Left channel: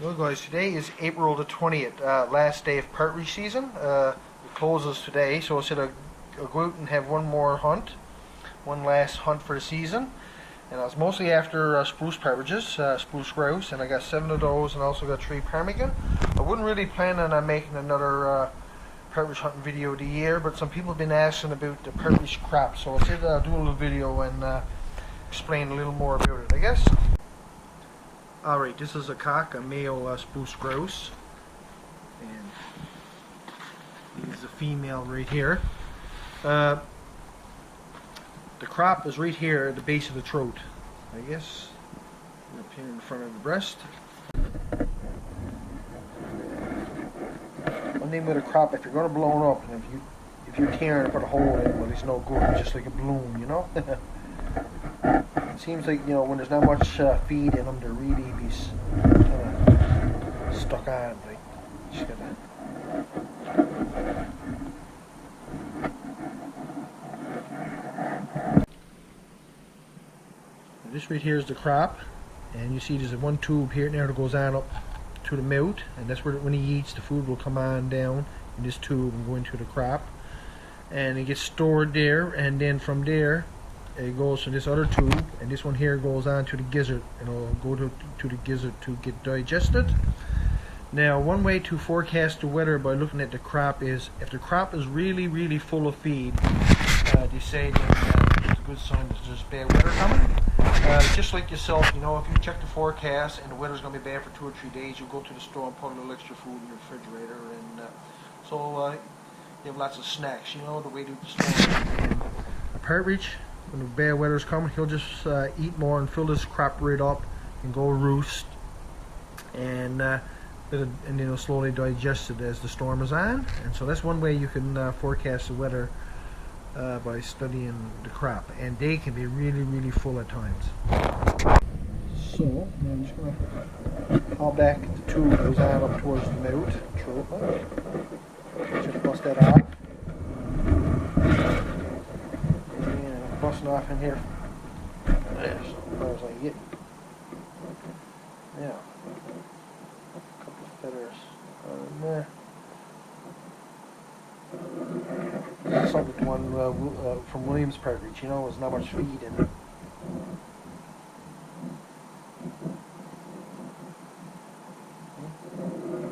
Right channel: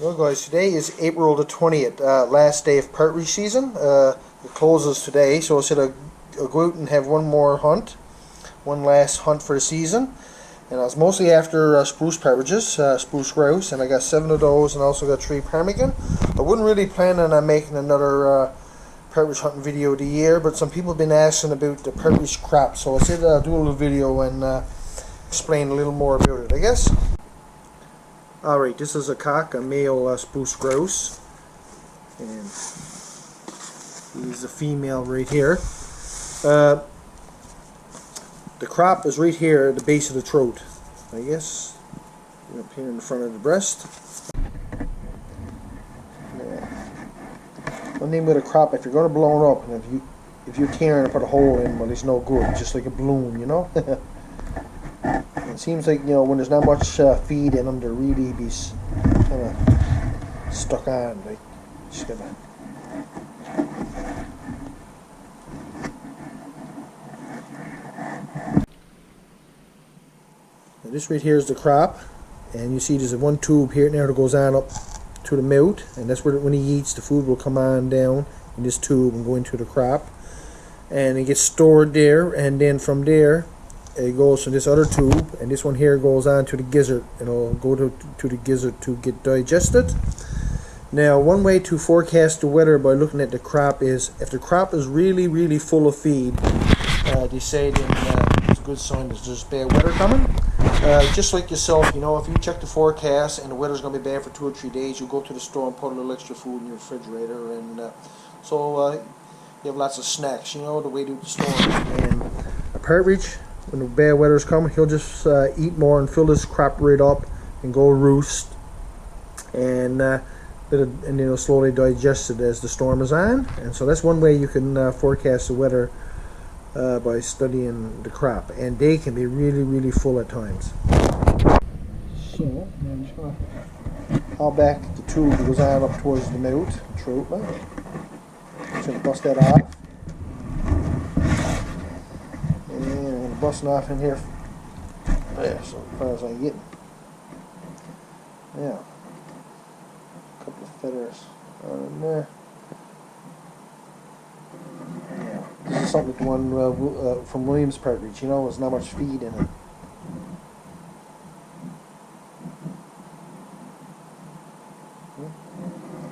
Well guys, today is April the 20th, last day of partridge season. It closes today, so I said I'll go out and have one more hunt, one last hunt for the season. And I was mostly after spruce partridges, spruce grouse, and I got 7 of those and also got 3 ptarmigan. I wasn't really planning on making another partridge hunting video of the year, but some people have been asking about the partridge crop, so I said I'll do a little video and explain a little more about it, I guess. Alright, this is a cock, a male spruce grouse, and he's a female right here. The crop is right here at the base of the throat, I guess, up here in the front of the breast. One thing with a crop, if you're going to blow it up, and if you're tearing and put a hole in it, well, it's no good, it's just like a balloon, you know? It seems like, you know, when there's not much feed in them, they're really be kind of stuck on. Like, just gonna. Now this right here is the crop, and you see there's one tube here now that goes on up to the mouth, and that's where when he eats, the food will come on down in this tube and go into the crop, and it gets stored there, and then from there it goes to this other tube, and this one here goes on to the gizzard, and it'll go to the gizzard to get digested. Now, one way to forecast the weather by looking at the crop is, if the crop is really full of feed, they say that it's a good sign that there's bad weather coming. Just like yourself, you know, if you check the forecast and the weather's going to be bad for 2 or 3 days, you go to the store and put a little extra food in your refrigerator, and so you have lots of snacks, you know, the way to the store. And a partridge, when the bad weather's coming, he'll just eat more and fill his crop right up and go roost, and then it'll slowly digest it as the storm is on. And so that's one way you can forecast the weather by studying the crop, and they can be really full at times. So I'm just going to haul back the tube that goes out up towards the mouth. Just going to bust that off. Busting off in here there, so far as I get. Yeah, a couple of feathers on there. This is something one from Williams partridge, you know, there's not much feed in it.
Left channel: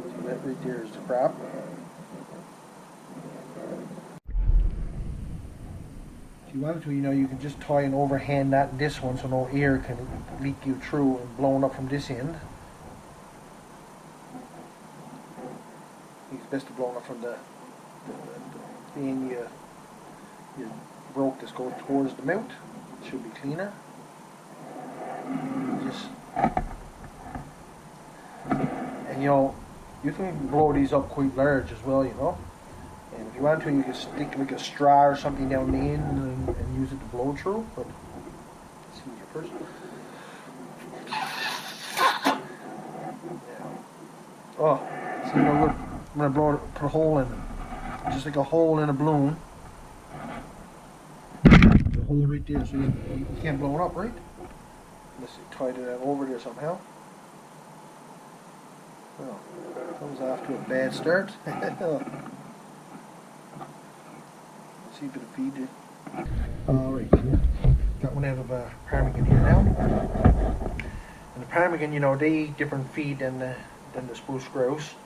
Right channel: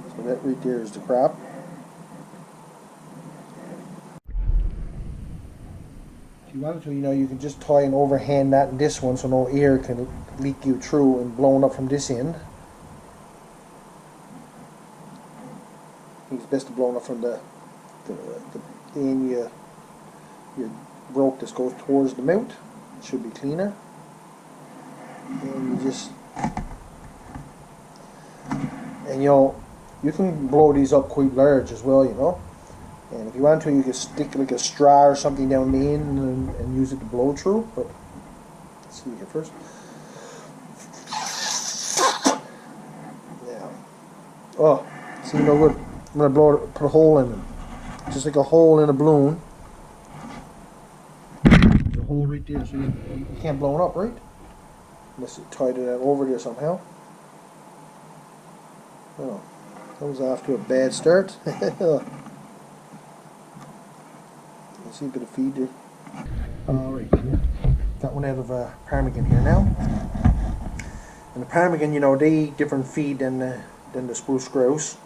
So that right there is the crop. If you wanted to, you know, you can just tie an overhand knot in this one so no air can leak you through and blown up from this end. It's best to blow up from the end you broke this goes towards the mouth. It should be cleaner. And you just, and you know, you can blow these up quite large as well, you know. And if you want to, you can stick like a straw or something down the end and use it to blow through. But let's see here first. Yeah. Oh, see no good. I'm gonna blow it, put a hole in it, just like a hole in a balloon. The hole right there, so you can't blow it up, right? Unless you tied it over there somehow. Oh, that was off to a bad start. See a bit of feed here. Alright, got one out of ptarmigan here now. And the ptarmigan, you know, they eat different feed than the spruce grouse.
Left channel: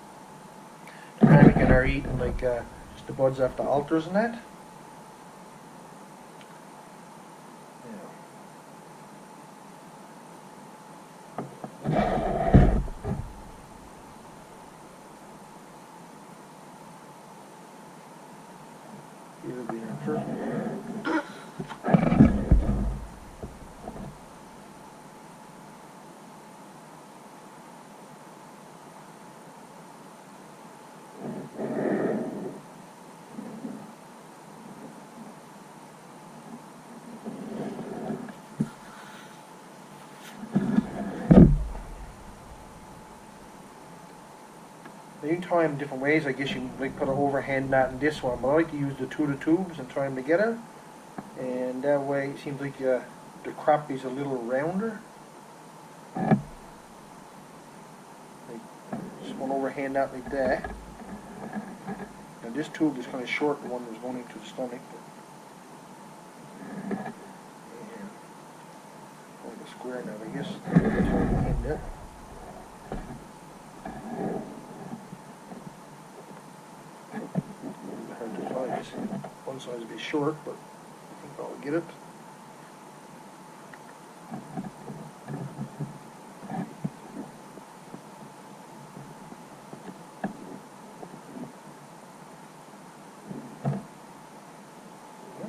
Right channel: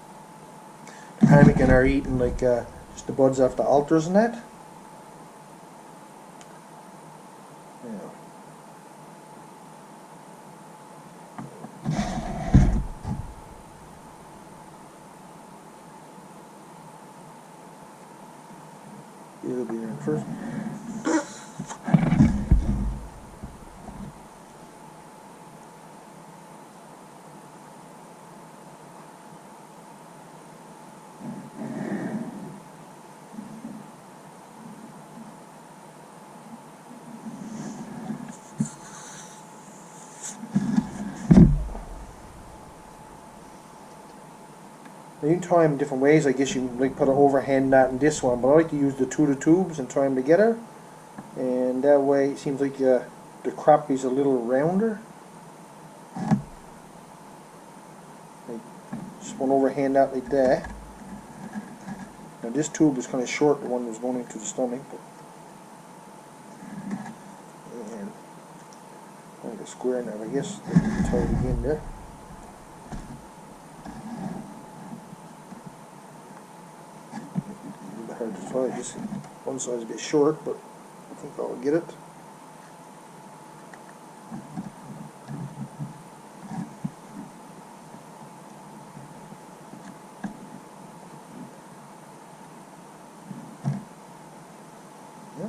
The ptarmigan are eating like just the buds off the altars and that. It'll be in first. You can tie them different ways. I guess you can like put an overhand knot in this one, but I like to use the two of the tubes and tie them together, and that way it seems like the crop is a little rounder. Like going to overhand that like that. Now this tube is kind of short, the one that was going into the stomach, but like a square now, I guess. That's how you need it. Trying to try this. One side's a bit short, but I think I'll get it.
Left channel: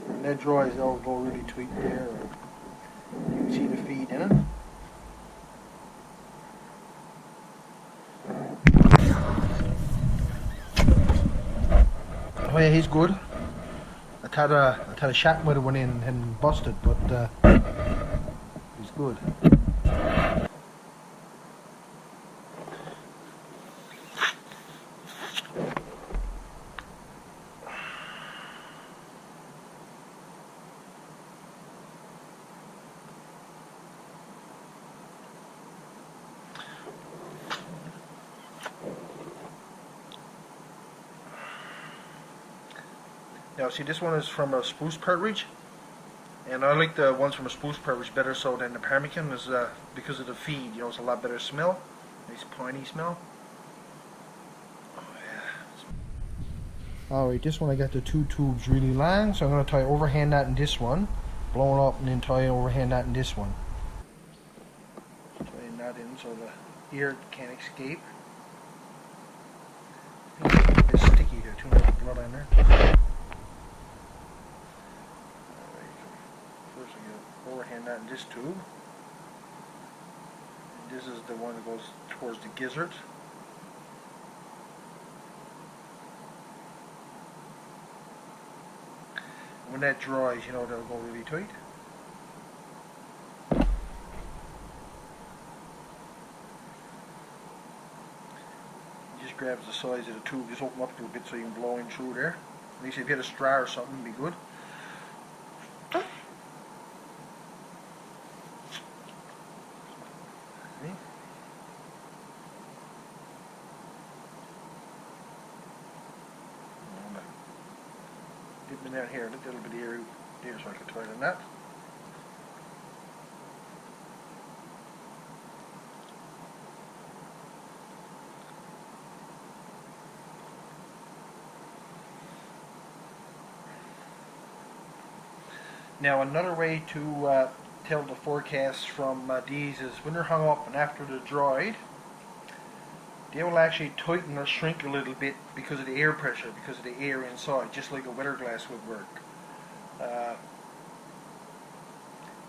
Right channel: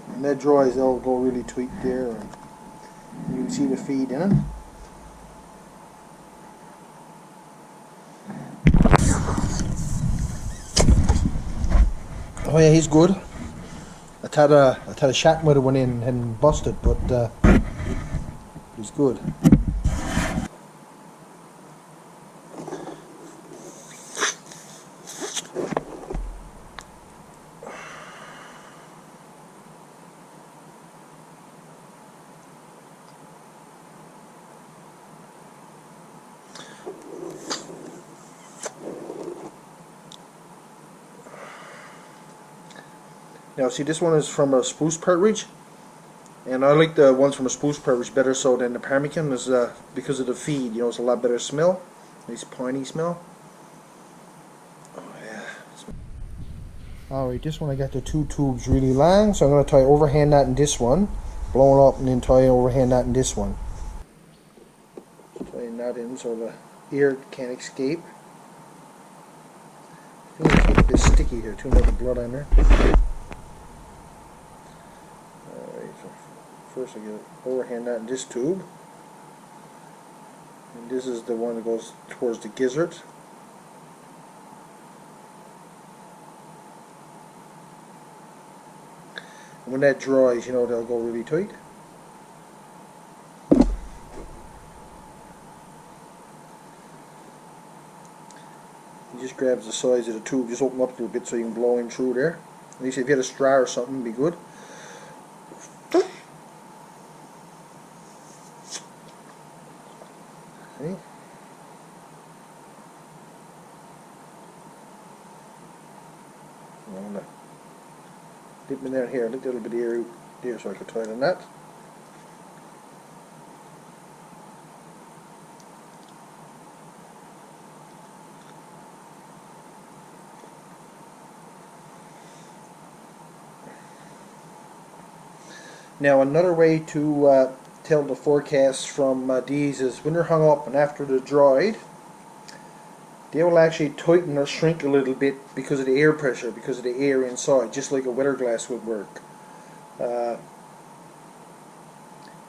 When that dries, they'll go really tweak there. You can see the feed in it. Oh yeah, he's good. I had a shot with it went in and busted, but he's good. Now see, this one is from a spruce partridge, and I like the ones from a spruce partridge better so than the ptarmigan, is because of the feed. You know, it's a lot better smell, nice piney smell. Oh yeah. Alright, this one I got the two tubes really long, so I'm going to tie overhand that in this one, blow it up, and then tie overhand that in this one. Tying that in so the air can't escape. I think it's a bit sticky here, too much blood on there. First I get overhand that in this tube, and this is the one that goes towards the gizzard. And when that dries, you know, they'll go really tight. You just grabs the sides of the tube, just open up a little bit so you can blow in through there. At least if you had a straw or something, it'd be good. Okay. Dip me down here, a little bit of air out there so I can tie it in that. Now another way to tell the forecast from these is when they're hung up and after they're dried, they will actually tighten or shrink a little bit because of the air pressure, because of the air inside, just like a weather glass would work.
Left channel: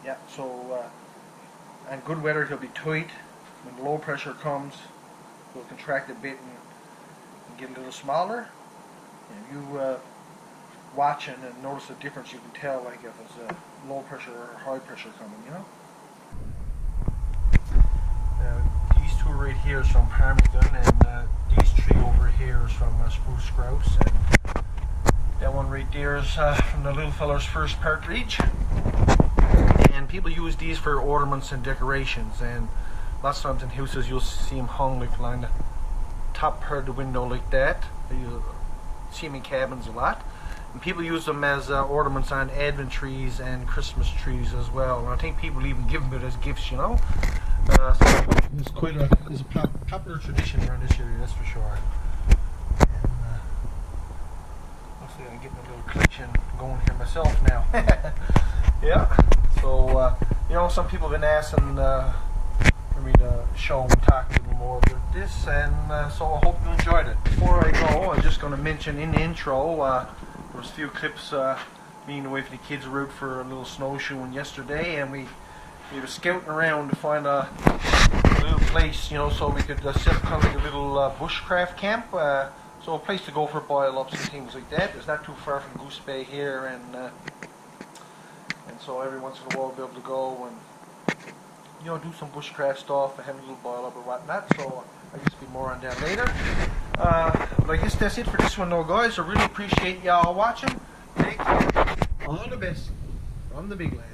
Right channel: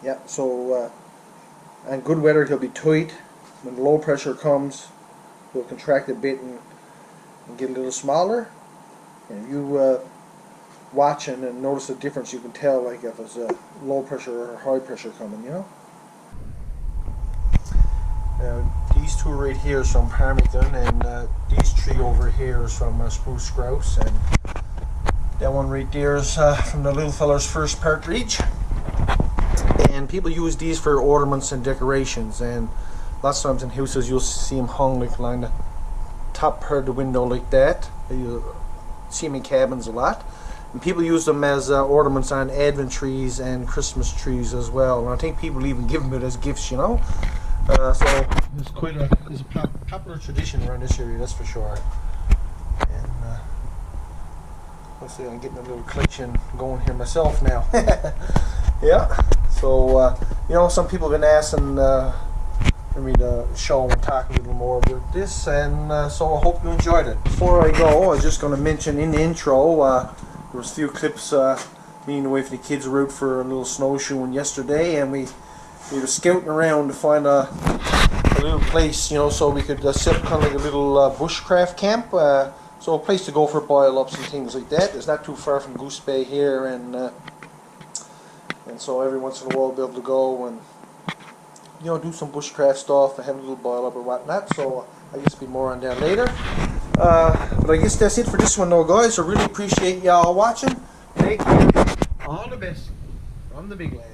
Yeah, so in good weather he'll be tight. When the low pressure comes, he'll contract a bit and get a little smaller. And you watching and notice the difference, you can tell like if it's a low pressure or high pressure coming, you know. These two right here is from ptarmigan, and these three over here is from spruce grouse, and that one right there is from the little fella's first partridge. And people use these for ornaments and decorations, and lots of times in houses you'll see them hung like along the top part of the window like that. You'll see them in cabins a lot. And people use them as ornaments on Advent trees and Christmas trees as well. And I think people even give them it as gifts, you know. So it's quite a popular tradition around this area, that's for sure. And let's see, I'm getting a little collection going here myself now. Yeah. So you know, some people have been asking for me to show and talk a little more about this, and so I hope you enjoyed it. Before I go, I was just going to mention in the intro. There was a few clips me and the wife and the kids were out for a little snowshoeing yesterday, and we were scouting around to find a little place, you know, so we could set up kind of like a little bushcraft camp. So a place to go for boil-ups and things like that. It's not too far from Goose Bay here, and so every once in a while we'll be able to go and, you know, do some bushcraft stuff and have a little boil-up or whatnot. So I guess there'll be more on that later. But I guess that's it for this one though, guys. I really appreciate y'all watching. Take care. All the best from the Bigland.